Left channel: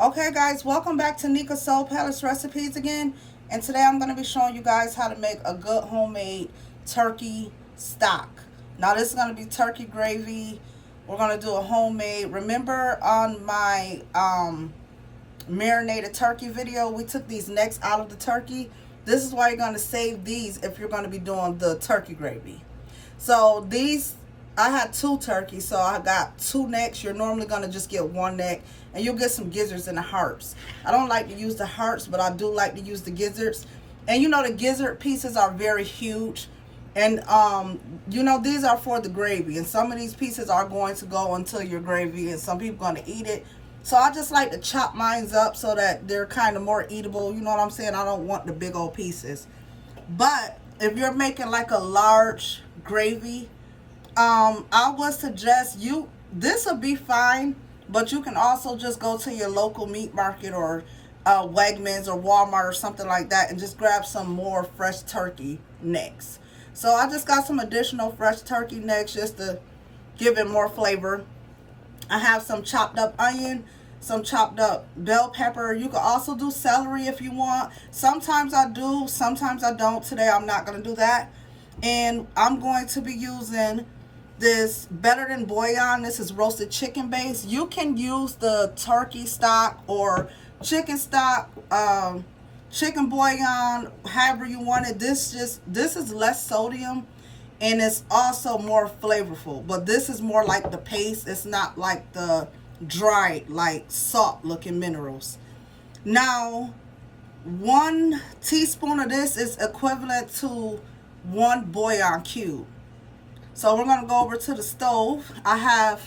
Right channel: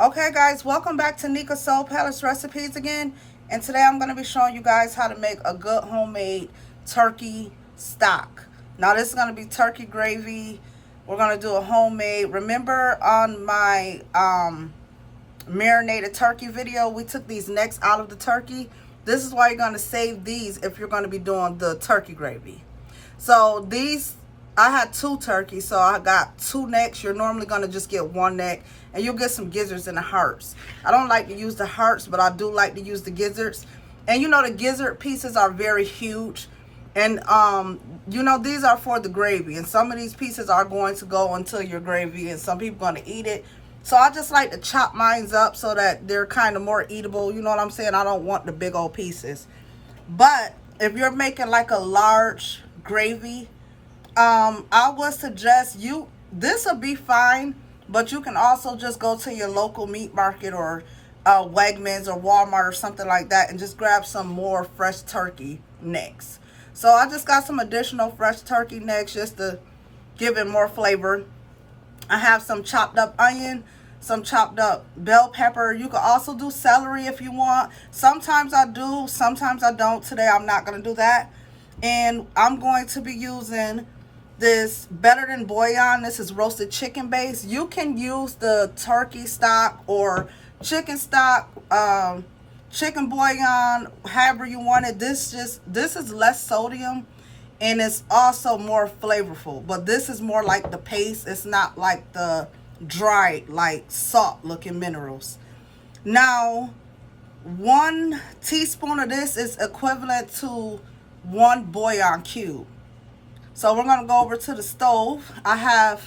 Okay guys, welcome back to Nika Soul Palace Recipes again. And today I'm going to be showing you guys how to make a good homemade turkey stock. Now this is going to be turkey gravy. We're going to do a homemade. Remember on my marinated turkey video, we took these necks out of the turkey. This is why you're going to save these if you're going to be doing the turkey gravy. So these, I had 2 turkeys, so I got 2 necks. You're normally going to just get 1 neck, and you'll get some gizzards and the hearts. I don't like to use the hearts, but I do like to use the gizzards. And you know, the gizzard pieces are very huge. And you know, these are for the gravy, and some of these pieces are going to go into your gravy, and some people are going to eat it. So I just like to chop mine up so that they're kind of more eatable. You know what I'm saying? I don't want the big old pieces. But if you're making like a large gravy, I would suggest this will be fine, but you can also just go to your local meat market or Wegmans or Walmart or something like that and just grab some more fresh turkey necks. So I just got some additional fresh turkey necks just to give it more flavor. I have some chopped up onion, some chopped up bell pepper. You can also do celery if you want. Sometimes I do, sometimes I don't. Today I'm not going to do that. And I'm going to be using this Better Than Bouillon. This is roasted chicken base. You can use the turkey stock or chicken stock, chicken bouillon, however you want it. This is less sodium and it's also more flavorful, but this is more like the paste. It's not like the dried, like salt looking minerals. Now 1 teaspoon of this is equivalent to 1 bouillon cube. So we're going to go over to the stove. I have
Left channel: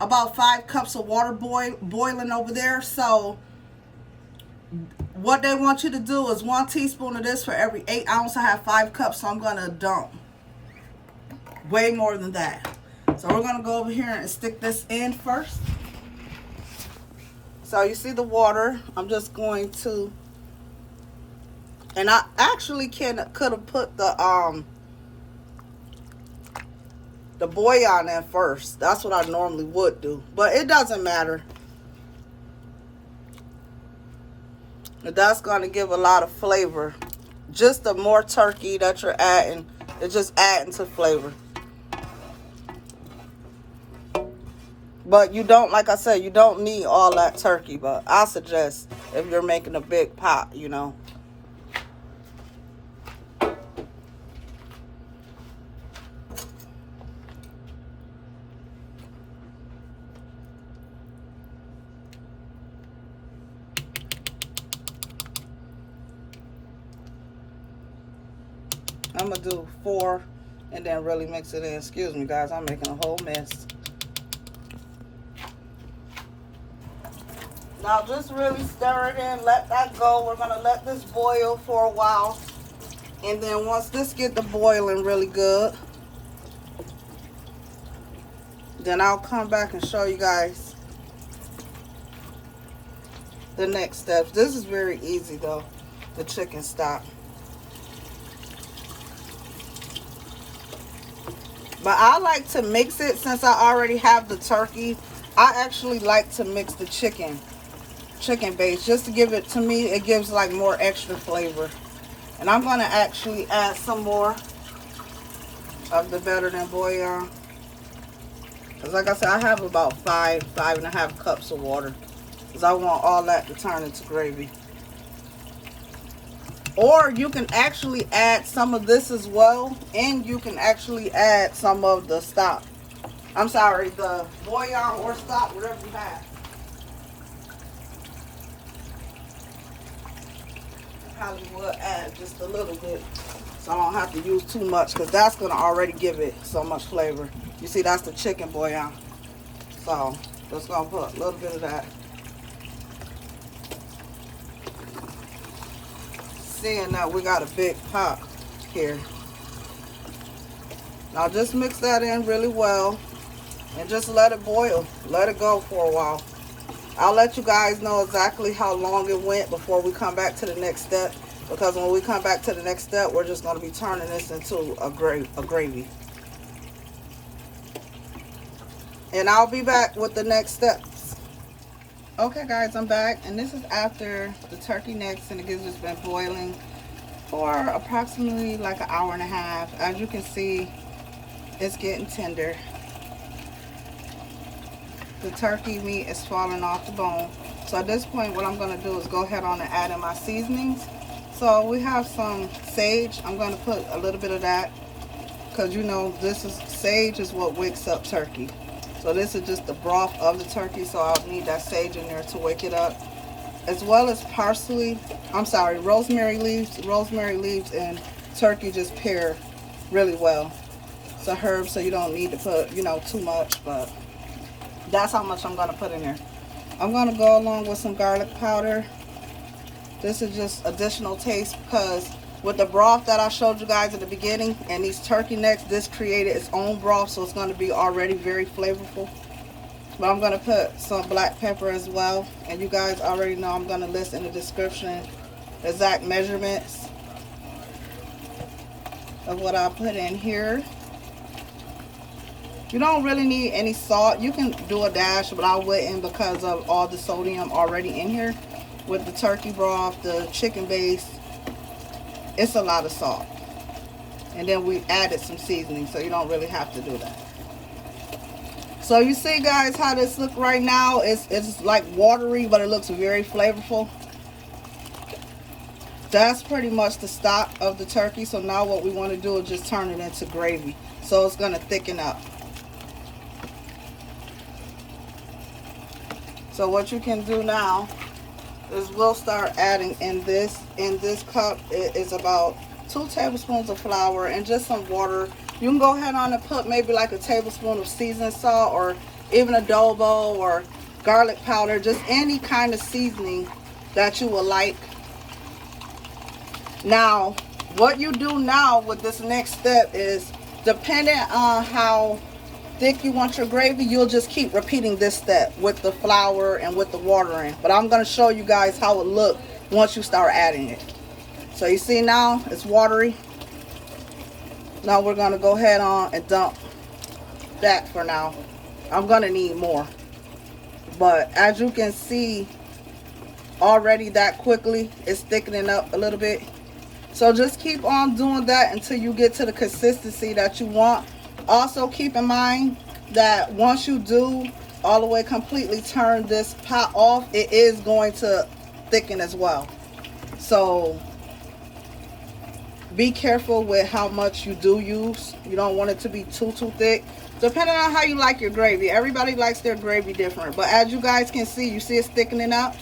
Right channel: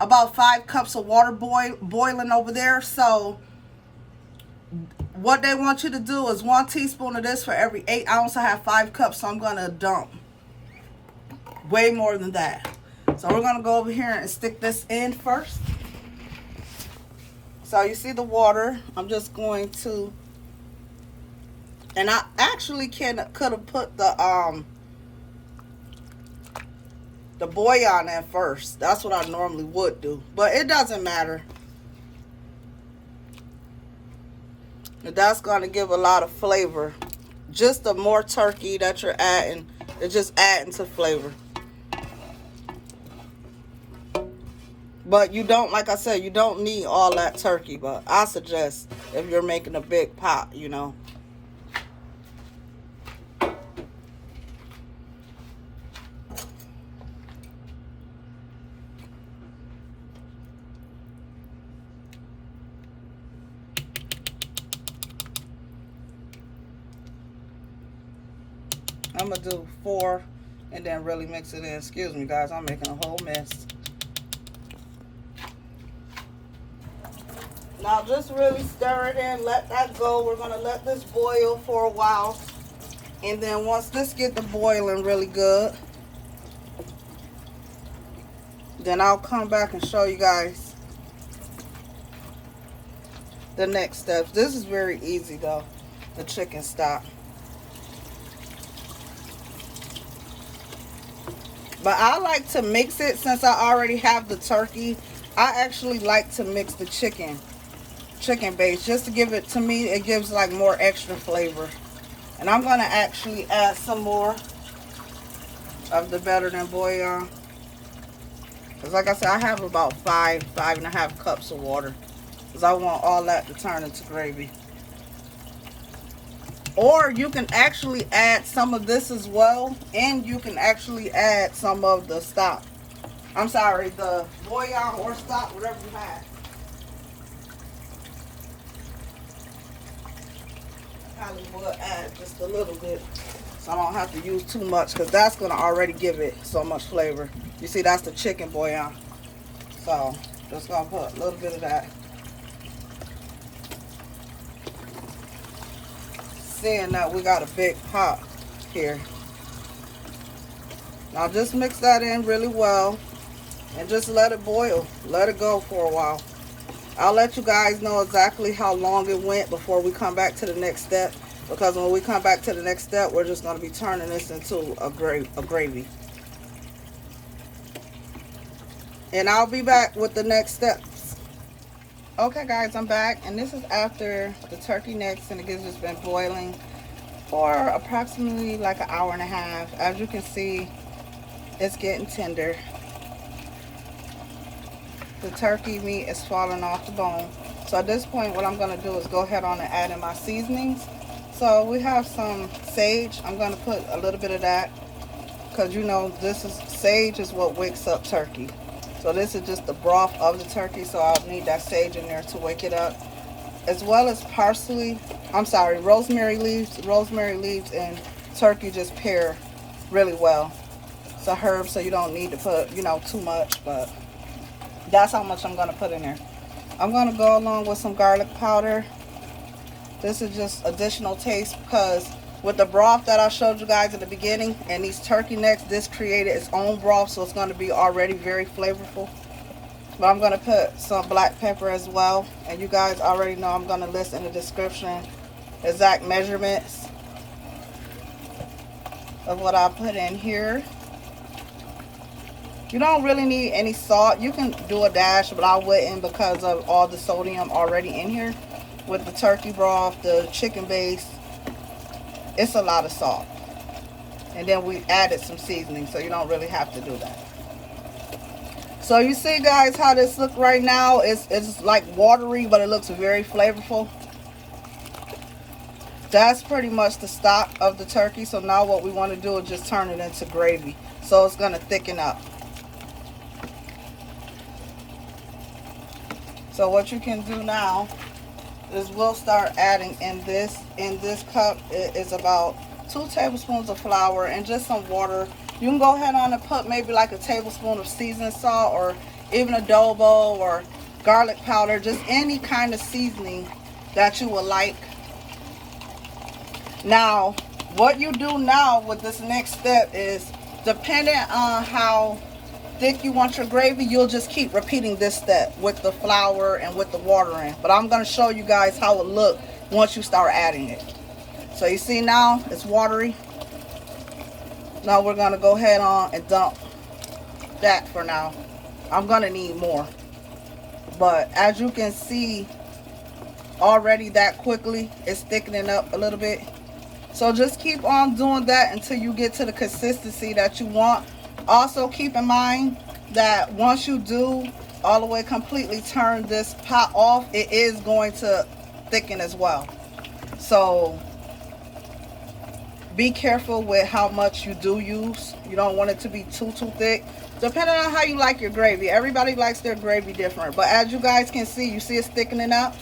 about 5 cups of water boiling over there. So what they want you to do is 1 teaspoon of this for every 8 ounces. I have 5 cups, so I'm going to dump way more than that. So we're going to go over here and stick this in first. So you see the water. I'm just going to, and I actually could have put the bouillon in first. That's what I normally would do, but it doesn't matter. That's going to give a lot of flavor. Just the more turkey that you're adding, it's just adding to flavor. But you don't, like I said, you don't need all that turkey, but I suggest if you're making a big pot, you know. I'm going to do 4 and then really mix it in. Excuse me, guys. I'm making a whole mess. Now just really stir it in. Let that go. We're going to let this boil for a while. And then once this gets to boiling really good, then I'll come back and show you guys the next steps. This is very easy though, the chicken stock. But I like to mix it since I already have the turkey. I actually like to mix the chicken base just to give it, to me, it gives like more extra flavor. And I'm going to actually add some more of the Better Than Bouillon. Because like I said, I have about 5.5 cups of water. Because I want all that to turn into gravy. Or you can actually add some of this as well. And you can actually add some of the stock. I'm sorry, the bouillon or stock, whatever you have. I probably will add just a little bit, so I don't have to use too much, because that's going to already give it so much flavor. You see, that's the chicken bouillon. So just going to put a little bit of that. Seeing that we got a big pot here. Now just mix that in really well and just let it boil. Let it go for a while. I'll let you guys know exactly how long it went before we come back to the next step, because when we come back to the next step, we're just going to be turning this into a gravy. And I'll be back with the next steps. Okay guys, I'm back, and this is after the turkey necks and the gizzards been boiling for approximately like an hour and a half. As you can see, it's getting tender. The turkey meat is falling off the bone. So at this point, what I'm going to do is go ahead on and add in my seasonings. So we have some sage. I'm going to put a little bit of that, because you know sage is what wakes up turkey. So this is just the broth of the turkey, so I'll need that sage in there to wake it up. As well as rosemary leaves. Rosemary leaves and turkey just pair really well. It's a herb, so you don't need to put, too much, but that's how much I'm going to put in there. I'm going to go along with some garlic powder. This is just additional taste, because with the broth that I showed you guys at the beginning and these turkey necks, this created its own broth, so it's going to be already very flavorful. But I'm going to put some black pepper as well, and you guys already know I'm going to list in the description exact measurements of what I put in here. You don't really need any salt. You can do a dash, but I wouldn't, because of all the sodium already in here with the turkey broth, the chicken base. It's a lot of salt. And then we added some seasoning, so you don't really have to do that. So you see guys how this looks right now. It's like watery, but it looks very flavorful. That's pretty much the stock of the turkey. So now what we want to do is just turn it into gravy, so it's going to thicken up. So what you can do now is we'll start adding in this cup is about 2 tablespoons of flour and just some water. You can go ahead on and put maybe like a tablespoon of seasoned salt, or even adobo or garlic powder, just any kind of seasoning that you would like. Now what you do now with this next step is, depending on how thick you want your gravy, you'll just keep repeating this step with the flour and with the water in. But I'm going to show you guys how it looks once you start adding it. So you see now it's watery. Now we're going to go ahead on and dump that for now. I'm going to need more, but as you can see already, that quickly is thickening up a little bit. So just keep on doing that until you get to the consistency that you want. Also keep in mind that once you do all the way completely turn this pot off, it is going to thicken as well. So be careful with how much you do use. You don't want it to be too thick, depending on how you like your gravy. Everybody likes their gravy different, but as you guys can see, you see it's thickening up.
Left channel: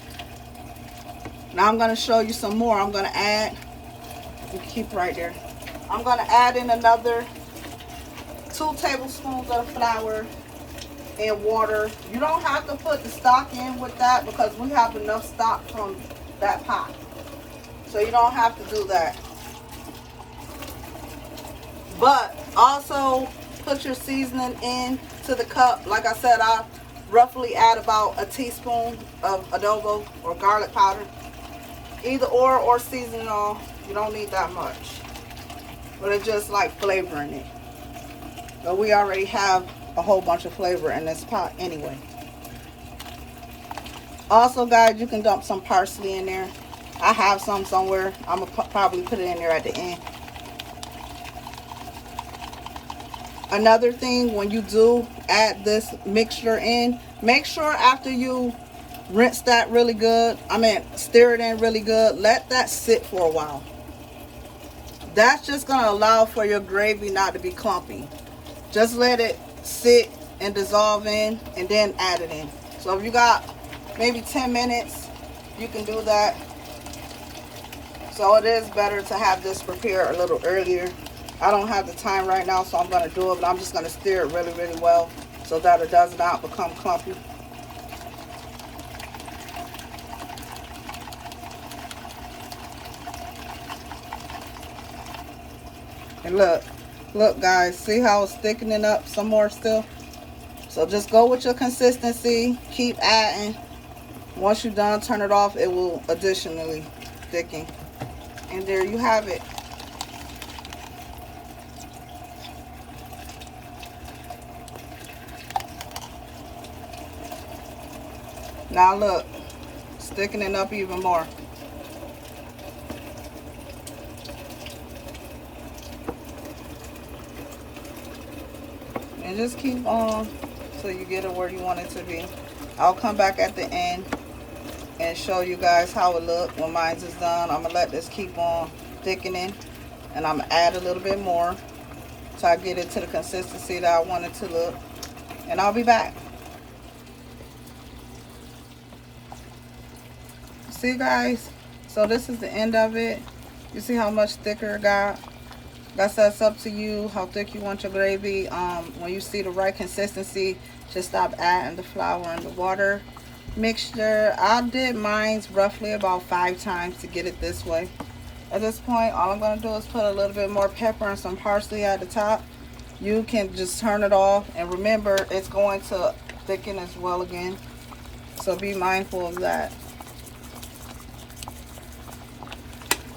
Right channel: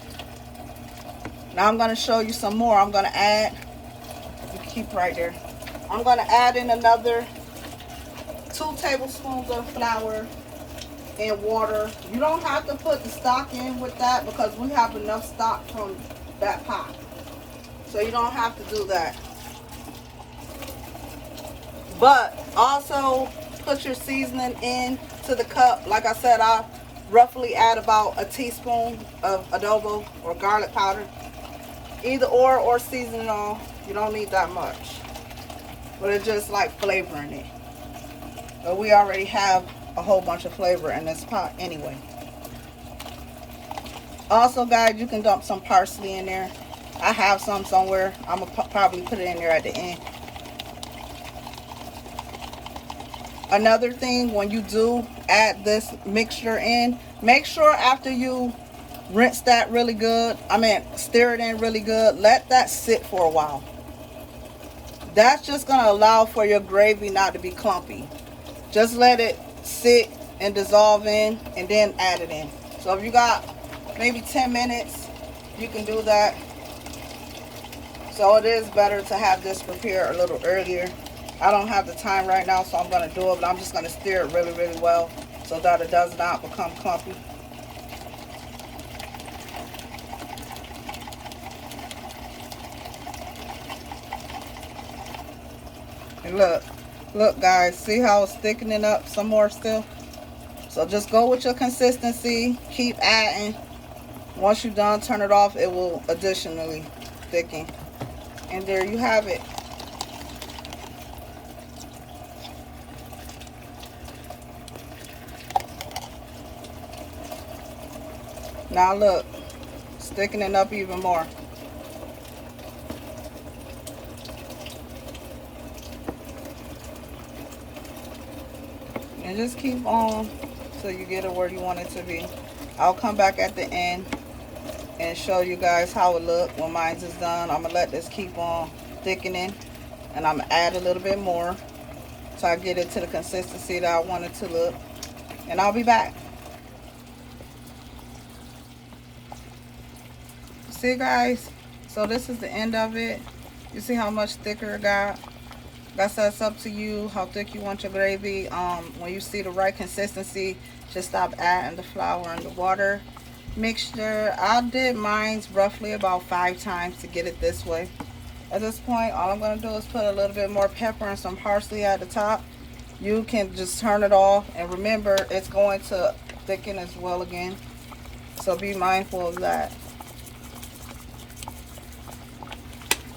Now I'm going to show you some more. I'm going to add, you keep right there, I'm going to add in another 2 tablespoons of flour and water. You don't have to put the stock in with that, because we have enough stock from that pot, so you don't have to do that. But also put your seasoning in to the cup. Like I said, I roughly add about a teaspoon of adobo or garlic powder, either or seasoning all. You don't need that much, but it's just like flavoring it. But we already have a whole bunch of flavor in this pot anyway. Also guys, you can dump some parsley in there. I have some somewhere. I'm gonna probably put it in there at the end. Another thing, when you do add this mixture in, make sure after you rinse that really good, stir it in really good, let that sit for a while. That's just going to allow for your gravy not to be clumpy. Just let it sit and dissolve in, and then add it in. So if you got maybe 10 minutes, you can do that. So it is better to have this prepared a little earlier. I don't have the time right now, so I'm going to do it, but I'm just going to stir it really, really well so that it does not become clumpy. And look guys, see how it's thickening up some more still? So just go with your consistency, keep adding. Once you're done, turn it off, it will additionally thicken. And there you have it. Now look, it's thickening up even more. And just keep on till you get it where you want it to be. I'll come back at the end and show you guys how it look when mine is done. I'm gonna let this keep on thickening, and I'm gonna add a little bit more so I get it to the consistency that I want it to look. And I'll be back. See guys, so this is the end of it. You see how much thicker it got? Like I said, it's up to you how thick you want your gravy. When you see the right consistency, just stop adding the flour and the water mixture. I did mine roughly about 5 times to get it this way. At this point, all I'm going to do is put a little bit more pepper and some parsley at the top. You can just turn it off, and remember, it's going to thicken as well again, so be mindful of that.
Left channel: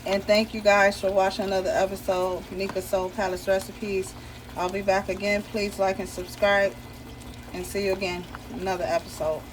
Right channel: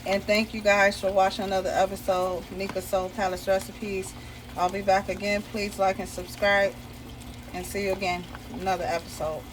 And thank you guys for watching another episode of Nika Soul Palace Recipes. I'll be back again. Please like and subscribe, and see you again in another episode.